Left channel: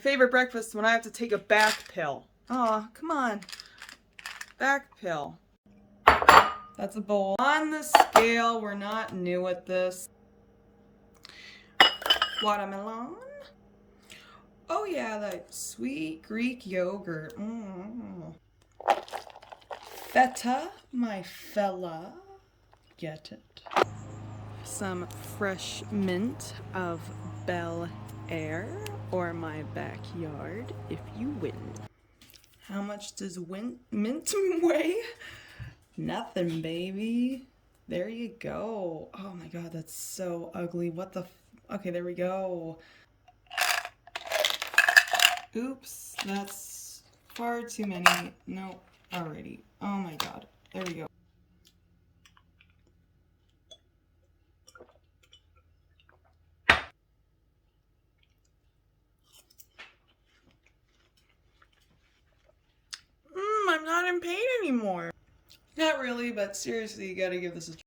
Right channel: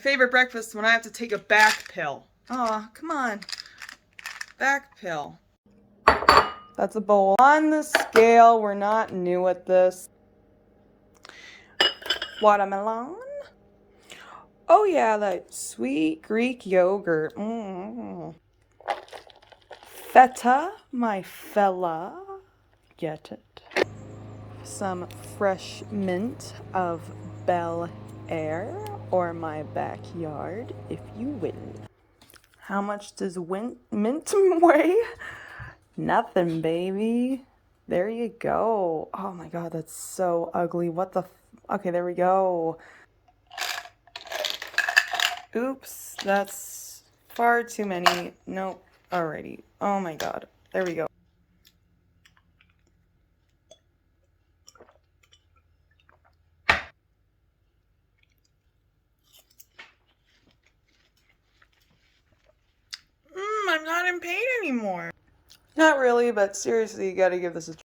Favorite breakfast when I have to take a back pill. Oh, come on. Back pill. That's a bowl. On the scale, we're not new at this. Watermelon. Oh yeah, that sweet Greek yogurt. Feta, my fella. Get it. Some fresh mint of Bel Air, or my backyard, if you will. How much does mint weigh? Nothing, baby. There you go. Oh my god, that's so ugly. What the okay, there we go. Oops, that's far too many. Nope. Alrighty. Oh my god. There we go. I'm not in pain anymore. Not really, but seriously, you gotta give this a try.